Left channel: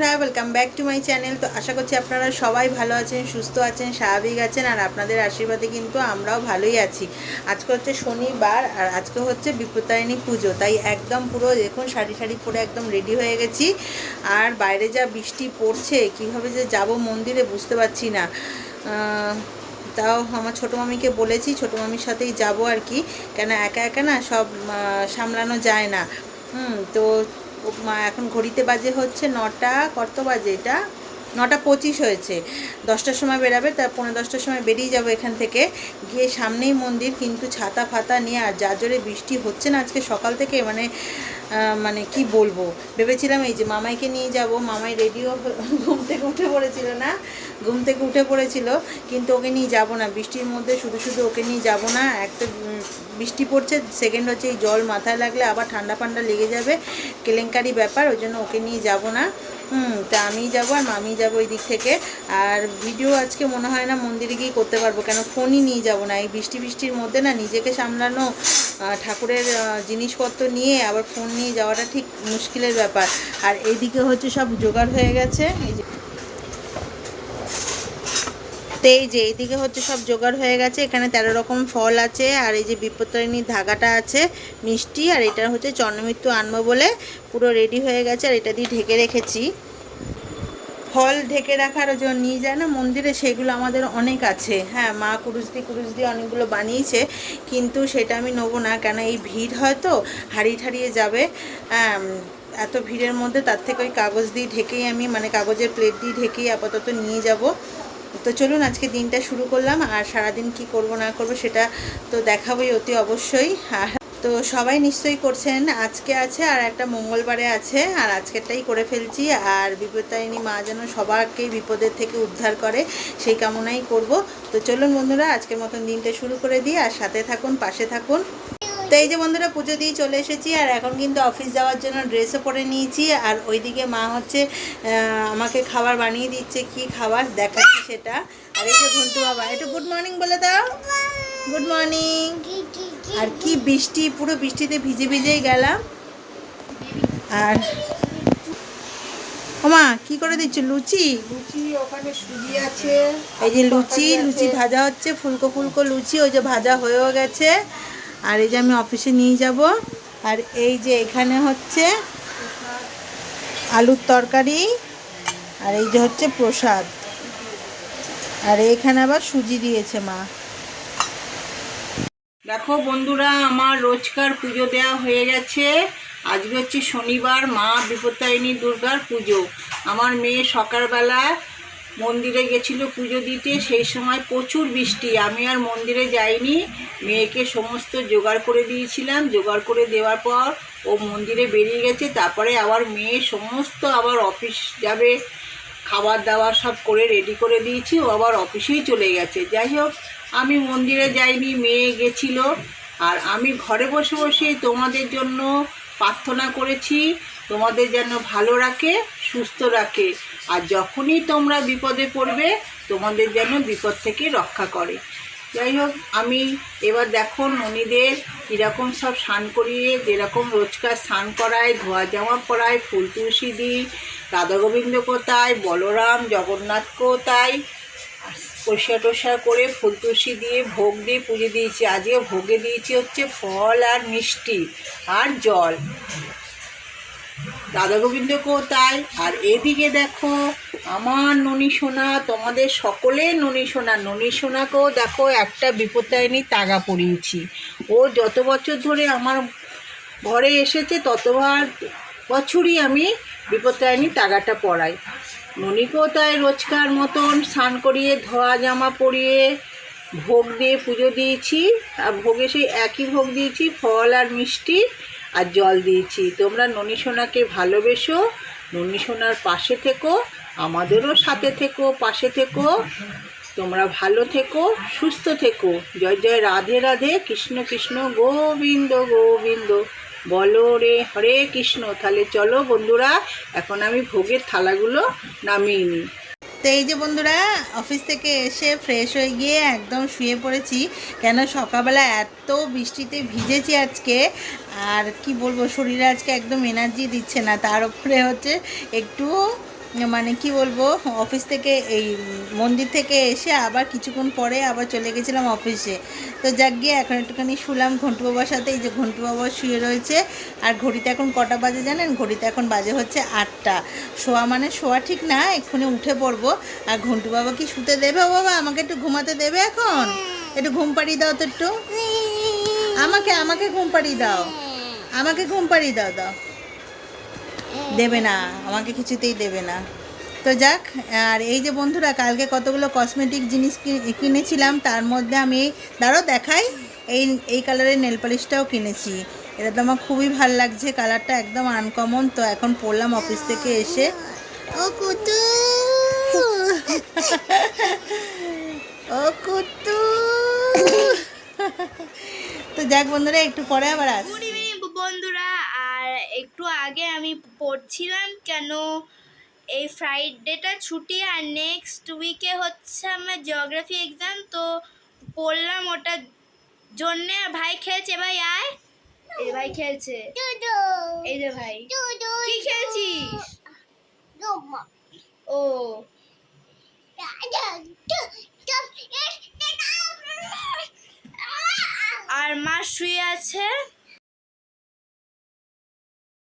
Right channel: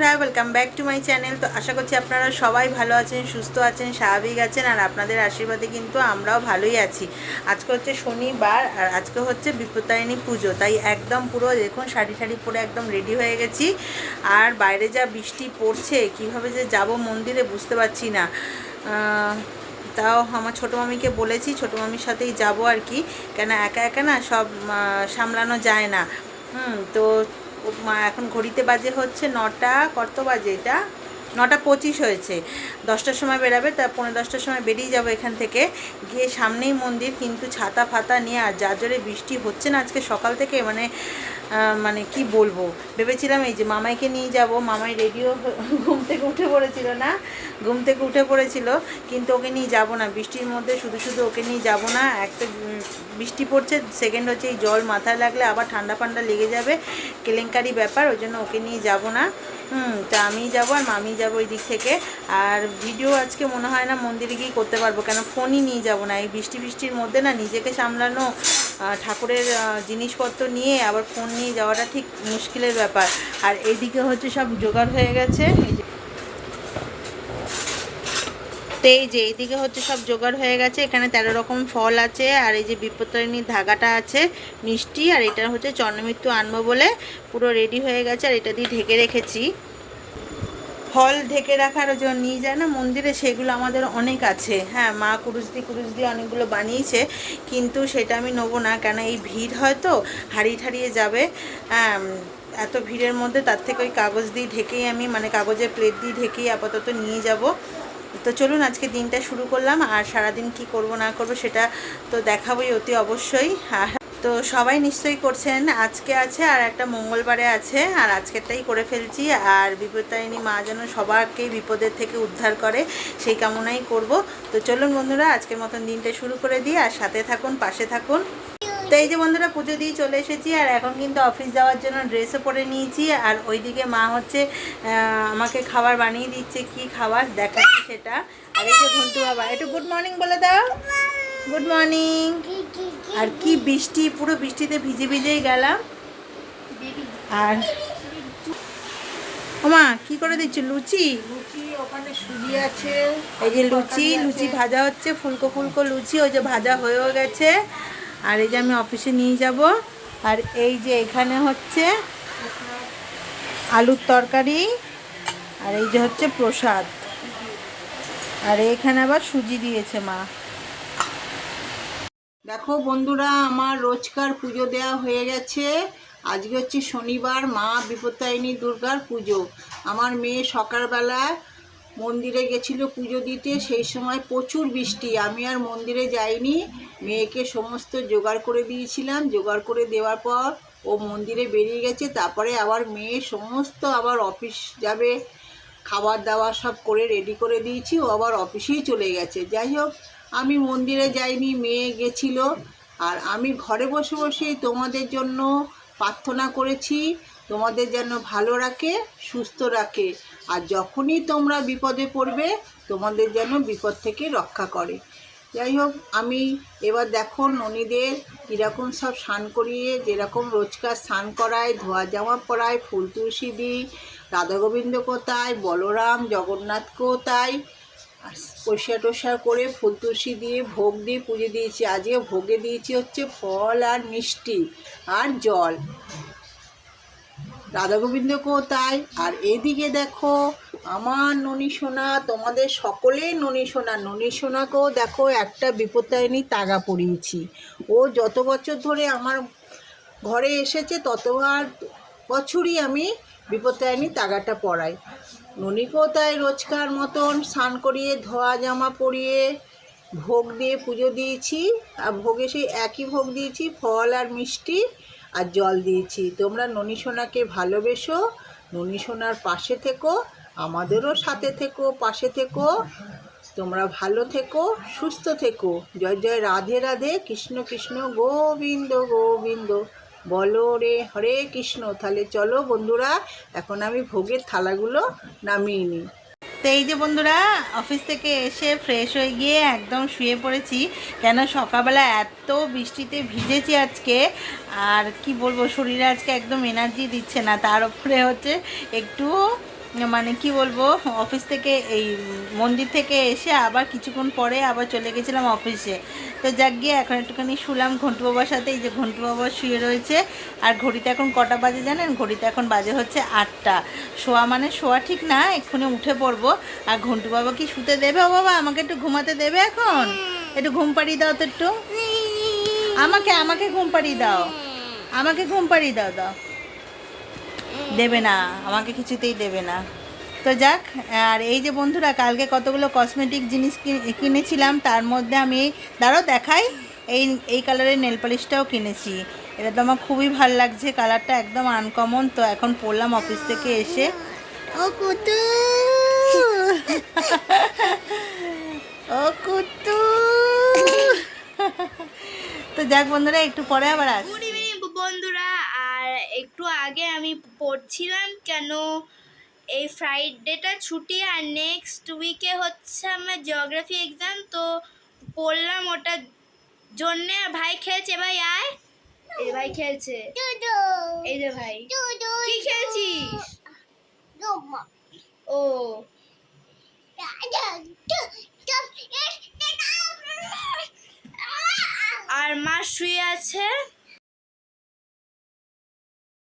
বন্ধুরা welcome back to my channel তো আশা করছি আপনারা সবাই ভালো আছেন, সুস্থ আছেন, স্বাভাবিক আছেন, আর আপনাদের আশীর্বাদে কিন্তু আমরাও ভালোই আছি। আজকে হচ্ছে শনিবার, আর আজকে হচ্ছে বিপত্তারিণী পুজো। তাই একদম পুরো দেখুন, শাড়ি শাড়ি পরে একদম রেডি হয়ে গেছি। আর বাইরে যা বৃষ্টি পড়ছে, কীভাবে যে যাব মন্দিরে বুঝতে পারছি না। তাও আমার ছোটো মামিকে বলেছি, ছোটো মামির সাথেই যাব আর কি। কেন একা একা না, সব সামলানো যায় না। হুম, তো এখন ঘড়িতে বাজে হচ্ছে নটা, কত বাজে এটা? নটা পঁচিশ হয়েছে। দশটার সময় বেরাবে তার পনেরো দশটার সময় বেরিয়ে যাব এখান থেকে। গিয়ে সামনেই মন্দির, কিন্তু ছাতা ফাতা নিয়ে, আর যা জোরে বৃষ্টি হচ্ছে না আজকে সকাল থেকে মানে মানে কি বলব? ভেবেছিলাম এই যে মামাইকে নিয়ে যাব, মামাই রেডিও ঘুম থেকে উঠে পড়েছিল না? ঘুম থেকে উঠে পড়েছিল, কিন্তু ওকে নিয়ে যাব না। বৃষ্টির মধ্যে শুধু শুধু ওকে নিয়ে যাব না, একটা বৃষ্টি পড়ছে সেকেন্ড হচ্ছে এই জল মাথায় লাগলে আবার ঠান্ডা ফান্ডা লেগে যাবে। কেলেঙ্কারি ব্যাপার, ওই জন্য ওকে নিয়ে যাব না। হুম, তা আমি যাব আর মামি যাব ওই দিক থেকে। আর ভিডিও আজকে মনে হয় না মন্দিরে গিয়ে করতে পারব, কেন ফোনই নিয়ে যাব না। এই বৃষ্টি বৃষ্টির মধ্যে না নিজেকে সামলানো ঠাকুরের জিনিসপত্র নিয়ে আবার ফোন নিয়ে যাওয়াটা ঠিক মুশকিলের ব্যাপার। আর এইদিকে হচ্ছে সব জোগাড় হয়ে গেছে। এই যে তো এই যে এইদিকে হচ্ছে সব জোগাড় হয়ে গেছে। এখানে তেরো রকম ফল আছে। আর এই যে বিপত্তারিণীর ধাগাটা আছে, মিষ্টি, আর এটা হচ্ছে চন্দ্রমৃত্যু আনব বলে পুরো রেডি হয়ে গেছে। আর এটা দিয়ে ঢেকে রেখেছি। ফল ঢেকে রাখার জন্য নিয়ে যায় না, মন্দিরে সেগুলো আমাদের অনেক আছে। হ্যাঁ মা কুরুশ দিয়ে কুরুশ দিয়ে অনেকগুলো বানিয়েছে, কিন্তু সেটা আমি নেব না, কেন এই ভিড় হয়তো হারিয়ে ঠারিয়ে যাবে। এত ভিড়ের মধ্যে তার থেকে ওই কাগজ দিয়ে ঢেকেই আমি মানে কাগজের প্লেট দিয়ে ঢেকেই আপাতত নিয়ে যাব। তো চলুন, আজকে দিনটা শুরু করলাম, আর সারাদিন কি করব না করব সেটা তো দেখাবোই অতি অবশ্যই, আর তো সবাই নিশ্চয়ই করছেন। আজকে আছে আর একটা মঙ্গলবারে আছে, আর আজকেরটাই করে ফেলছি। আর বিপত্তারিণী মা যেন সবাইকেই বিপদের থেকে উদ্ধার করে, সেই কামনাই করব। তো চলুন বন্ধুরা, আজকের মতন দিনটা শুরু করে দিই, আর সাথে থাকুন, পাশে থাকুন। তো এই যে বন্ধুরা, পুজো দিয়ে চলে এসেছি, আর এখন কিন্তু অফিস যাওয়ার জন্য ড্রেসও পরে নিয়েছি। আর ওইদিকে মা হচ্ছে আমাকে খাবার বানিয়ে দিচ্ছে, কি খাবার দেখাচ্ছি সেটা। আর এই যে ঘন্টু বাবা, একটু গুড মর্নিং বলে দাও। গুড মর্নিং আর কি বৃষ্টি পুরো বৃষ্টিতে ভিজে ভিজেই গেলাম। আর ওমা কি করে দিচ্ছ? লুচি? এই যে লুচি লুচি ভাজা হচ্ছে ফুলকো ফুলকো লুচি ওই যে ভাজা হয়েও গেছে। আর এই যে আমি অফিসে নিয়ে যাব। আর এই যে এখানে হচ্ছে আলুর তরকারি আর এই যে হচ্ছে প্রসাদ। আর এইখানে আবার সুজি দিয়েছে মা। দেখো বন্ধুরা, আমার রোজকার পুজো দেওয়া হয়ে গেছে। আজকে হচ্ছে শনিবার, মা বিপত্তারিণী দুর্গার পুজো। আমার মেয়ে সকালবেলা মন্দিরে গেছিল পুজো দিতে, সেই সময় প্রচুর বৃষ্টি। আমি আর মন্দিরে যাইনি, মেয়েকে সমস্ত জোগাড় করে দিয়েছিলাম। জোগাড় করে দেওয়ার পর ও মন্দিরে বেরিয়ে গেছে। তারপরে আবার মেয়ে সমস্ত আবার অফিস যাবে, খাবার দাবার সব করে রেডি করে দিয়েছি। ও আবার অফিসেই চলে গেছে। যাই হোক আমি মন্দিরে যাইনি, মেয়ে গেছিল। আর আমি ঘরে বসে বসেই তোমাদের জন্য প্রার্থনা করেছি, তোমাদের যেন ভালো রাখে, সুস্থ রাখে। আর যখনই তোমরা বিপদে পড়বে, তোমাদের যেন বিপদ থেকে রক্ষা করে। যাই হোক, আমি এবার দেখো ননীদের কীরকম সব স্নান করিয়ে, যেরকম রোজকার স্নান করায়, ধোয়া জামা পরায়, ফুল তুলসী দিই রাধা গোবিন্দ কোথায়, বলরাম, জগন্নাথ কোথায় পরিষ্কার টরিষ্কার করে ফুল দিয়ে ভোগ দিয়ে পুজো দিয়েছি। আজকে ভোগে দিয়েছি হচ্ছে ফল আর মিষ্টি আর জল। রাধা গোবিন্দ কোথায়? আর এদিকে দেখো, আমার ননী সোনা, তোমাদের সকলে ননী সোনা। ননী সোনাকেও দেখো, একটা বিপত্তায়নী তাগা পরিয়েছি ও যত বছর ধরে আমার ঘরে এসেছে, ততবার বছরই আমি বিপত্তায়নী তাগাটা পরাই ননীকেও তাই রোজকার মতন স্নান করিয়ে, ধোয়া জামা পরিয়ে ভোগ দিয়ে পুজো দিয়েছি। আর ভোগে সেই একই ভোগ দিয়েছি, ফল আর মিষ্টি আর জল দিয়েছি। তোমরা ননী সোনাকে ভালোবেসো, ননী সোনার পাশে থেকো, আমাদেরও সাথে থেকো, পাশে থেকো। তোমরা ভালো থেকো, সুস্থ থেকো। জয় জয়, রাধে রাধে, কৃষ্ণ কৃষ্ণ, গোবিন্দ গোবিন্দ। বলো রে হরে কৃষ্ণ, তাহলে চলো বন্ধুরা, এখন আমি ভোগের থালাগুলো নামিয়ে নিই। তো এই যে বন্ধুরা, অফিস থেকে এসে ফ্রেশ হয়ে গিয়ে একদম শুয়ে পড়েছি, কেন সকালবেলা এত বৃষ্টিতে ভিজেছি আজকে, আর কি বলব, শরীরে আজকে একদম এনার্জি দিচ্ছে না, তার উপরে হচ্ছে একটু মানে কি বলব অফিস থেকে এই মন্দির থেকে এসে আবার কিছুক্ষণ পরে আবার চলে গেছিলাম অফিসে তো যাক গিয়ে এখন একটুখানি শুলাম, ঘন্টু বাবার সাথে, এই যে ঘন্টু বাবা শুয়ে রয়েছে। আর ঘড়িতে এখন কটা বাজে জানেন? ঘড়িতে এখন বাজে হচ্ছে আটটা। শোয়া মানে শোয়া ঠিক না, এক্ষুনি উঠে পড়ব। আর ঘন্টু বাবা কি শুতে দেবে ও বাবা? আমাকে একটু ঘুমাতে দেবে এখন? একটু ঘুম পাড়িয়ে দাও তো একটু। আমাকে আমাকে ঘুম পাড়িয়ে দাও। আমাকে ঘুম পাড়িয়ে দাও দাও। দেবে না, আমাকে কিছুতেই দেবে না। তো যাক, আর এই যে বন্ধুরা, কালকে কতগুলো কসমেটিক জিনিস কিনেছিলাম, তার মধ্যে আমি দাঁড়াও দেখাই, এই এই কালারের নেল পালিশটাও কিনেছি। এটা তো আমার খুবই ভালো লাগছে কালারটা একদম আনকমন তো এখন পড়লাম অফিস থেকে এসে। ও কুতু ও কুতু তো যাক বন্ধুরা, একটু পরে আবার আস আগে আমি পড়ছিলাম কেন এই ফ্রাইডেটা ছুটি আর নেক্সট উইকে হচ্ছে আমার জিওগ্রাফি এক্সাম তো পড়লাম ওটার জন্যে। আর ভাই খেলছে? ভাই আয়। এই ভাই খেলছে। এই যে ভাই। কি খেলছিস? ও। আর মা শুয়ে আছে?